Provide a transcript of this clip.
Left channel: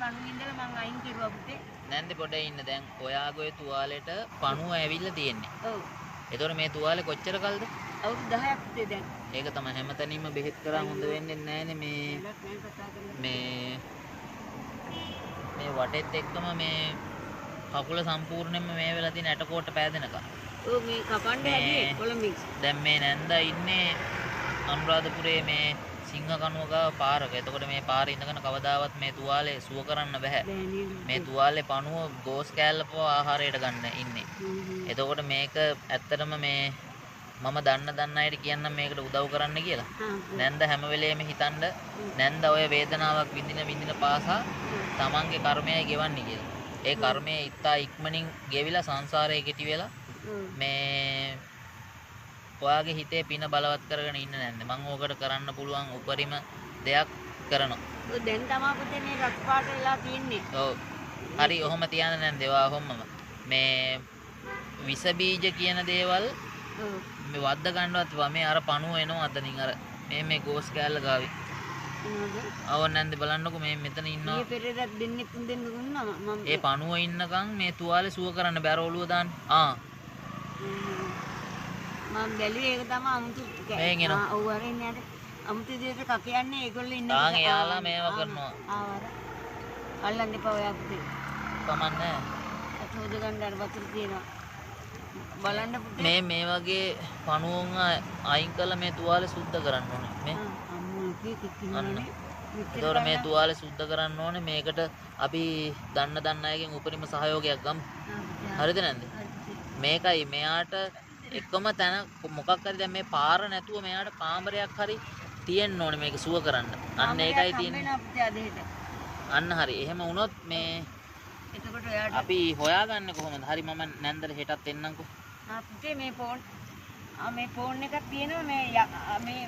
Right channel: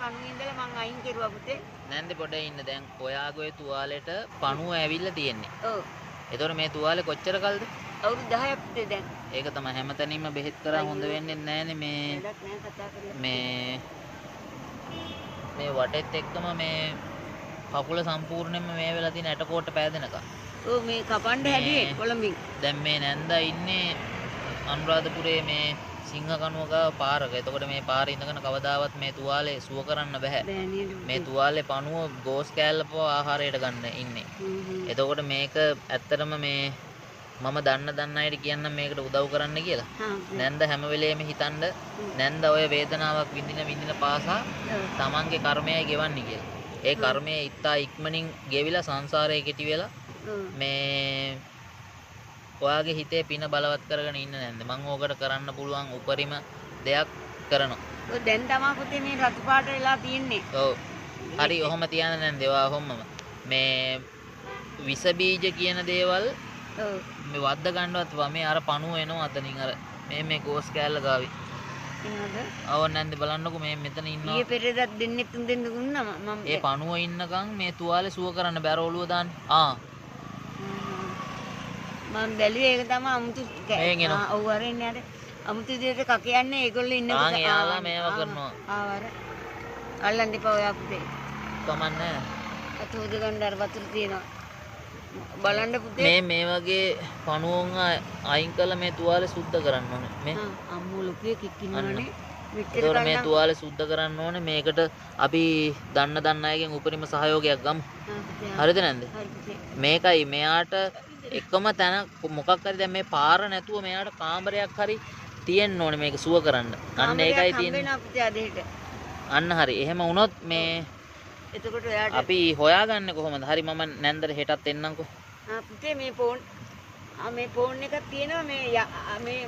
පණුවේ ඉඳලා මං අයින් කෙරුවා පුතේ. නැන්ද පොඩේ ඉන්න දැන් ඔයාගේ තුවාලෙට පණුව ඇවිල්ලා තියෙන්නේ. ඔව්. එතකොට මේ තුවාලේ කොච්චර කල්ද? අවුරුදු 10ක් පුතේ දැන්. ඒක තමයි හැමතැනින්ම බෙහෙත් කරා හොඳ වෙන්නේ නැහනේ මේ වැඩක් නෑ කතා කරලා. මේ වටෙත් එක්කම මේ කකුල සම්පූර්ණයෙන්ම මේ වෙලා තියෙන ඇටකොට්ට පෑදෙනකම්. ඔව් මේ කපන්න හැදුවේ කොළඹින්. දැන් මේ නැන්දා ඉන්නේ අනුරාධපුරයේ මේ සිංහකණුවක පාරක. එතකොට මේ පාරේ ඉඳගෙන කවදාවත් මේ තුවාලේ සුව කරන්න බෑ. මේ තුවාලේ පණුව ගෝස් කෑල්ලපව ආහාරයට ගන්න ඉන්නේ. එතකොට මේක ඇත්තටම මේ මම දන්න අයට කියන්නම් මේකට උදව් කරන්න කියලා. නැන්ද හැම වෙලේම හිතන්න නැන්ද ඔය වේදනාවක් විඳින පාසා තමන්ගේ කර්මයයි ගෙවන්නේ කියලා. ඒ කර්මය ඉත්තා ඉක්මනින් ගෙවිලා සංසාරයේ කෙටි වෙලා මේ ඔයාගේ හිතේ පින බලවත් කරගෙන ඉන්න නැන්ද. මම ඕකට කරන්න පුළුවන් උපරිම දෙයක් කරනවා. ඔය දැන් තමයි පුතේ මේ රතු පාට වෙලා තින්නේ. ඔව්. හරි ඔහොම තියන්න නැන්ද. ඒවා ඔහොමම මේ විස බීජ කියන දේවල් ඔව්. මේ වද්ද ගන්නවත් වමේ අර පණුව එනවා අතනින් අර මේ ගෝස් කෑල්ල ගාවි. ආව නැන්ද බලන්නකෝ මේ මෙතන ඉන්නවා. ඊයේ පෙරේදා දෙන්නේ තුන් දෙන්න දුන්නා මම. ඒ පණුව ඉන්නකම් මේ තුවාලේ සුව කරන්න බෑ ඔළුව දාන්න. මම බැලුවේ ඒක තමයි අමුතු එනවා. ඔව් අර ඉන්නේ අර අමුතු විදිහට කකියන්නේ ඒගොල්ලෝ ඉන්න කොට. එයාලා මේවා කරනවා. ආවර. අල්ලන්න එපා ඔයා පුතේ. කමන්නේ. අතෝද ගන්න අර වතුර තියෙනවා. බලන්න පුතේ. මේ වගේ පණුවන් අයින් කරලා මේ තුවාලේ සුද්ධ කරන්න ඕනේ. මේ අම්මෝ ලොකේ කික්කිනානේ. ඒතකොට මේ තුවාලේ සුද්ධ කරන්න ඕනේ. මේකට අපි දන්න අයගෙන් උපරිම සහයෝගයක් ගමු. හරිද නැන්ද? මේකයි මෙයාට එකම තැන මොකක් හරි දැන් මේ පාර නැතුව මෙයාට කාමරයක් හරි තියෙන්න ඕනේ මේක සුව කරන්න. අන්න ඒකයි තියෙන්නේ. අන්න හරි. එහෙම වුණොත් මේ එතකොට ඔයාට අපි හොයාගන්නේ කොහොමද? හරි මම නැන්දට හෙටත් එන්නම්කෝ. පුතේ මේ ෆෝන් එකක් තියෙනවා මේ